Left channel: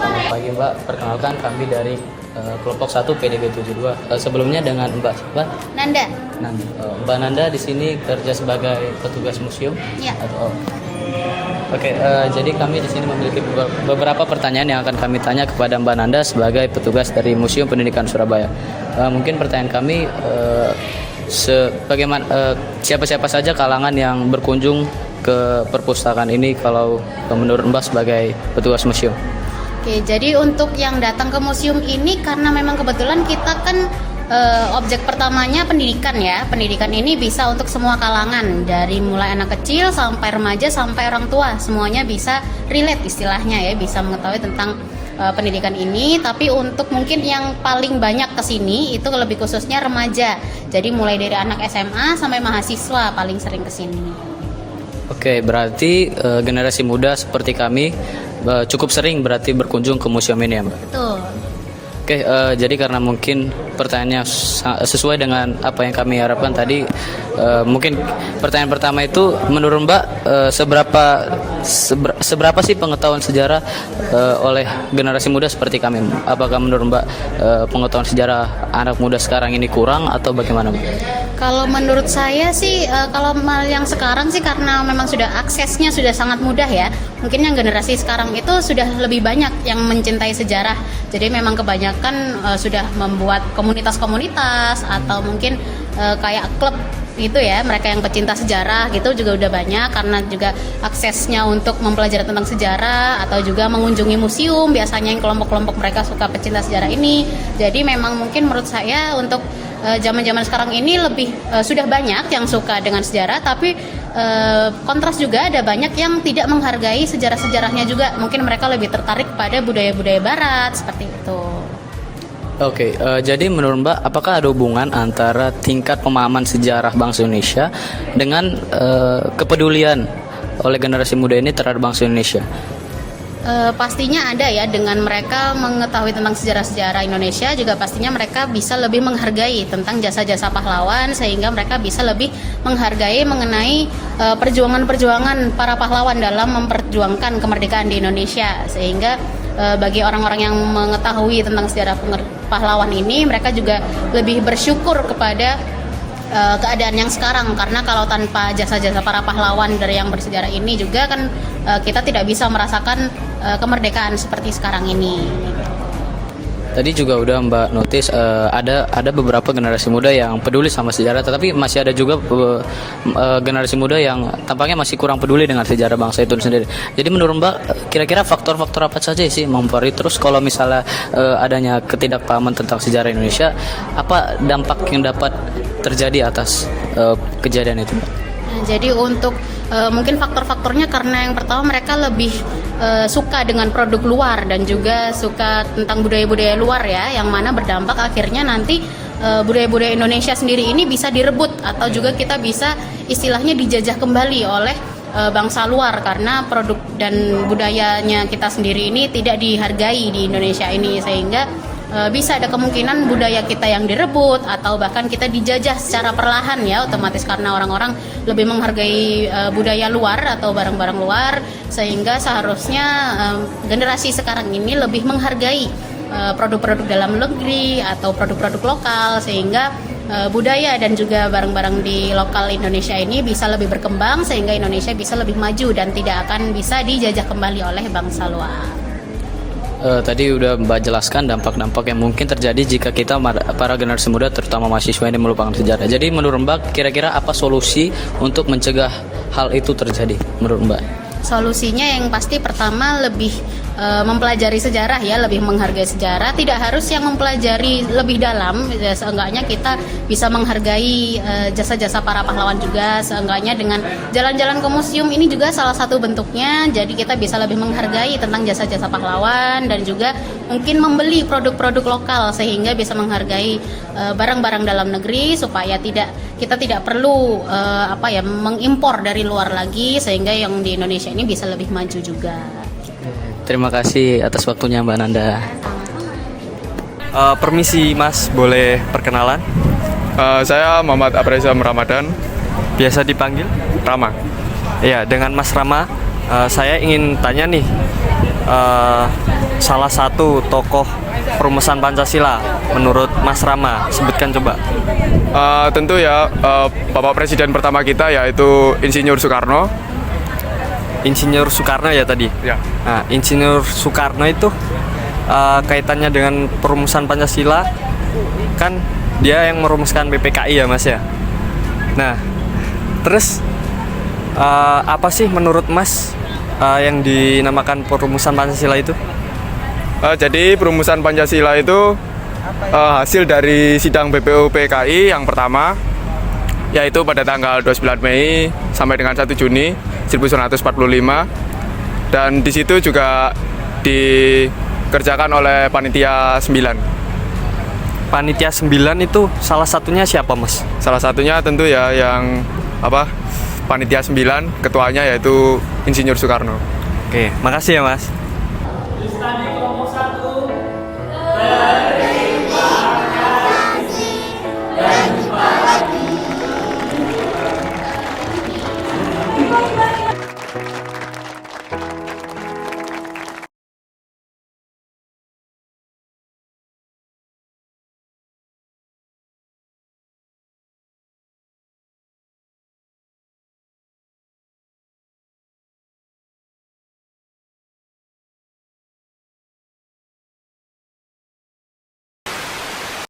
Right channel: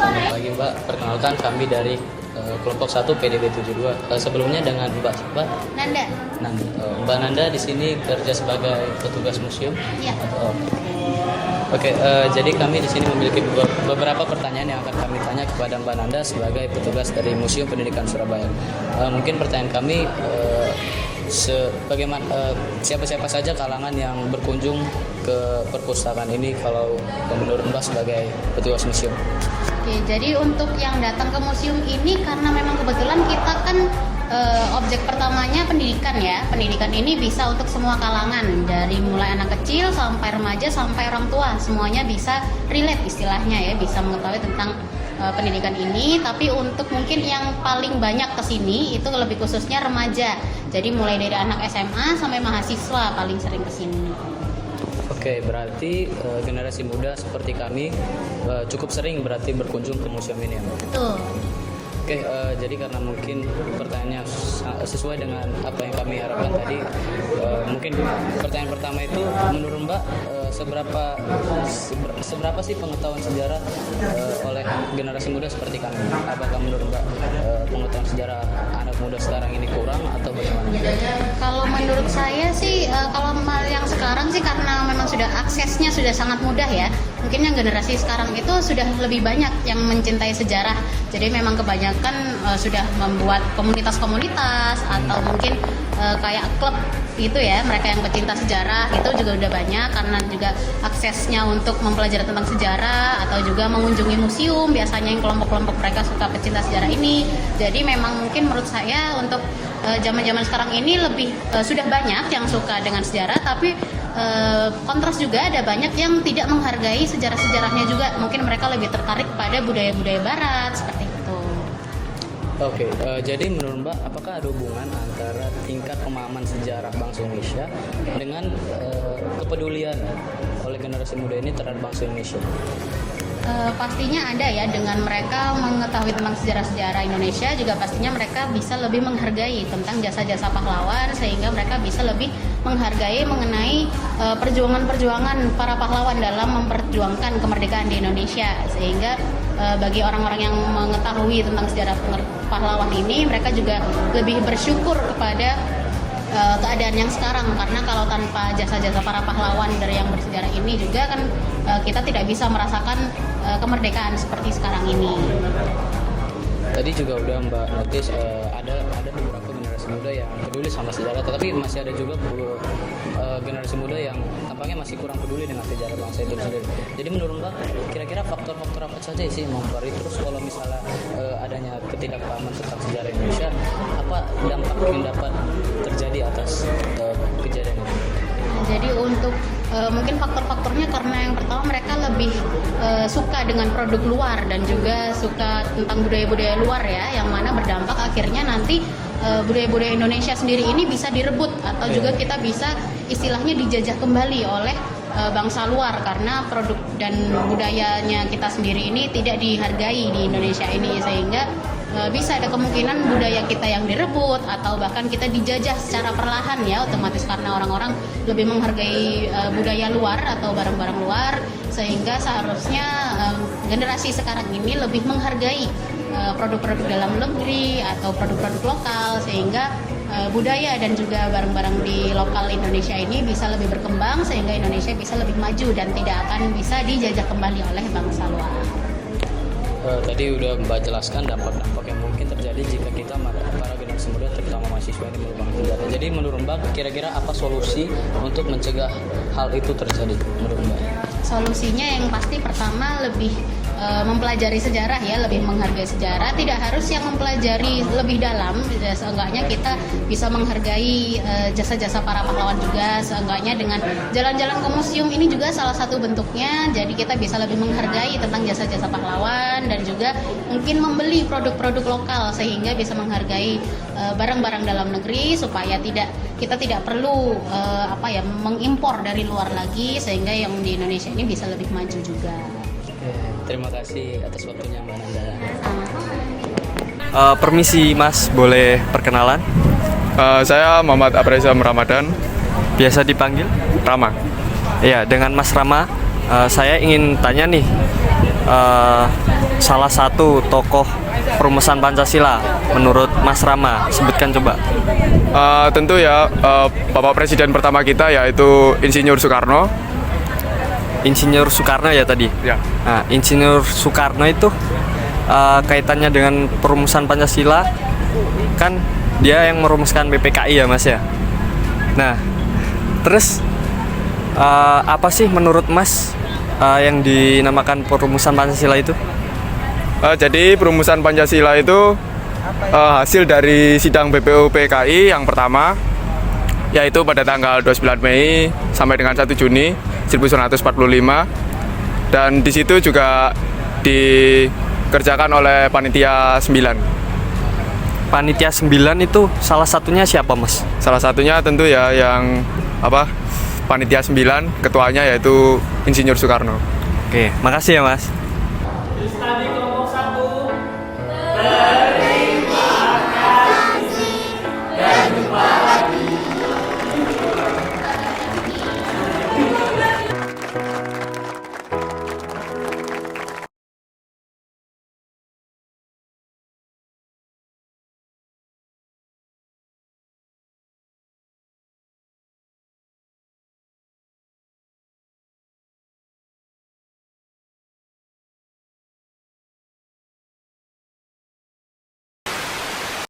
selamat pagi Mbak. Perkenalkan kami dari kelompok 1 PDB 72. Sebelumnya dengan Mbak Nanda. Mbak Nanda di sini kerja sebagai petugas museum. Iya. Oke, jadi kami di sini memiliki beberapa pertanyaan yang akan kami tanya kepada Mbak Nanda sebagai petugas dari Museum Pendidikan Surabaya. Mungkin pertanyaan kami siapa-siapa saja kalangan yang berkunjung ke perpustakaan ini kalau menurut Mbak sebagai petugas museum? Oke, jadi untuk yang datang ke museum ini karena memang kebetulan kita kan objek pertamanya pendidikan ya. Pendidikan ini bisa untuk semua kalangan, dari mulai anak kecil sampai remaja sampai orang tua, semuanya bisa relate istilahnya ya, bisa mengetahui tentang pendidikan ini. Tapi untuk mungkin yang paling banyak kesini itu lebih khususnya remaja. Jadi mulai dari anak SMA sampai mahasiswa paling sering kesini. Oke, berarti generasi muda seperti kami cukup sering berarti berkunjung ke museum ini ya Mbak? Betul. Oke, jadi karena mungkin pertanyaannya sesuai dengan apa yang kami harapkan tadi, mungkin pertanyaan pertama itu menurut Mbak seberapa sih pengetahuan sejarah oleh generasi muda seperti kami? Apakah menurut Mbak pengetahuan sejarah anak muda sekarang ini kurang atau bagaimana Mbak? Kalau menurut saya sih, kalau yang sekarang sih karena memang sudah aksesnya sudah sangat mudah ya. Mungkin yang generasi sekarang itu sudah lebih banyak yang mencintai sejarah. Jadi memang kebanyakan sudah membuat komunitas-komunitas atau mungkin kayak klub gitu ya. Mereka yang pecinta sejarah gitu juga udah banyak, karena juga aksesnya untuk mempelajari tentang sejarah atau juga mengunjungi museum. Biasanya yang kelompok-kelompok mereka suka pecinta sejarah ini. Jadi memang mungkin menurut saya untuk zaman-zaman sekarang ini lebih sudah banyak yang suka dengan sejarah, tapi kontras juga ada banyak yang tidak menghargai sejarah-sejarahnya juga. Mungkin mereka lebih tertarik pada budaya-budaya barat seperti itu. Oke, jadi menurut Mbak, apakah ada hubungan antara tingkat pemahaman sejarah bangsa Indonesia dengan kepedulian oleh generasi muda ini terhadap bangsa Indonesia? Pastinya ada ya, dengan mereka mengetahui tentang sejarah-sejarah Indonesia juga pastinya mereka bisa lebih menghargai tentang jasa-jasa pahlawan, sehingga mereka bisa lebih menghargai mengenai perjuangan-perjuangan para pahlawan dalam memperjuangkan kemerdekaan di Indonesia. Sehingga bagi orang-orang yang mengetahui tentang sejarah pahlawan ini, mereka juga lebih bersyukur kepada keadaan yang sekarang, karena kalau tanpa jasa-jasa para pahlawan dari yang bersejarah ini juga kan kita tidak bisa merasakan kemerdekaan seperti sekarang ini. Tadi juga udah Mbak notice ada beberapa generasi muda yang peduli sama sejarah, tetapi masih ada juga generasi muda yang tampaknya masih kurang peduli dengan sejarah bangsa itu sendiri. Jadi menurut Mbak, kira-kira faktor-faktor apa saja sih mempengaruhi, terus kalau misalnya adanya ketidakpahaman tentang sejarah Indonesia, apa dampak yang dapat terjadi atas kejadian itu? Jadi untuk mungkin faktor-faktornya karena yang pertama mereka lebih suka dengan produk luar dan juga suka tentang budaya-budaya luar ya, yang mana berdampak akhirnya nanti budaya-budaya Indonesia sendiri ini bisa direbut atau juga kita bisa istilahnya dijajah kembali oleh bangsa luar, karena produk dan budayanya kita sendiri ini tidak dihargai di Indonesia ini, sehingga bisa ada kemungkinan budaya kita yang direbut atau bahkan kita dijajah secara perlahan ya, otomatis karena orang-orang lebih menghargai budaya luar atau barang-barang luar, sehingga seharusnya generasi sekarang ini lebih menghargai produk-produk dalam negeri atau produk-produk lokal, sehingga budaya dan juga barang-barang di lokal Indonesia ini bisa lebih berkembang, sehingga Indonesia bisa lebih maju dan tidak akan bisa dijajah kembali oleh bangsa luar. Tadi udah Mbak jelaskan dampak-dampak yang mungkin terjadi jika kita para generasi muda terutama mahasiswa ini melupakan sejarah. Jadi menurut Mbak, kira-kira apa solusi untuk mencegah hal itu terjadi menurut Mbak? Solusinya yang pasti pertama lebih mempelajari sejarah ya, lebih menghargai sejarah. Tidak harus yang mempelajari lebih dalam, ya, seenggaknya kita bisa menghargai jasa-jasa para pahlawan juga. Seenggaknya dengan jalan-jalan ke museum ini juga salah satu bentuknya. Jadi kita bisa lebih menghargai tentang jasa-jasa pahlawan dan juga mungkin membeli produk-produk lokal sehingga bisa menghargai barang-barang dalam negeri, supaya kita tidak perlu mengimpor dari luar lagi, sehingga yang di Indonesia ini bisa lebih maju juga. Terima kasih atas waktunya Mbak Nanda. Permisi Mas, boleh perkenalan? Saya Muhammad Apreza Ramadan. Biasa dipanggil? Rama. Iya, dengan Mas Rama, saya ingin tanya nih, salah satu tokoh perumusan Pancasila menurut Mas Rama? Sebutkan coba. Tentu ya, Bapak Presiden pertama kita yaitu Insinyur Soekarno. Insinyur Soekarno ya tadi. Ya. Nah, Insinyur Soekarno itu kaitannya dengan perumusan Pancasila, kan dia yang merumuskan PPKI ya Mas ya. Nah, terus apa sih menurut Mas yang dinamakan perumusan Pancasila itu? Jadi perumusan Pancasila itu hasil dari sidang BPU PKI yang pertama, yaitu pada tanggal 29 Mei sampai dengan 1 Juni 1945, dan di situ juga dikerjakan oleh Panitia 9. Panitia 9 itu salah satunya siapa Mas? Salah satunya tentu ya yang Panitia 9, ketuanya yaitu Insinyur Soekarno. Oke, makasih ya Mas.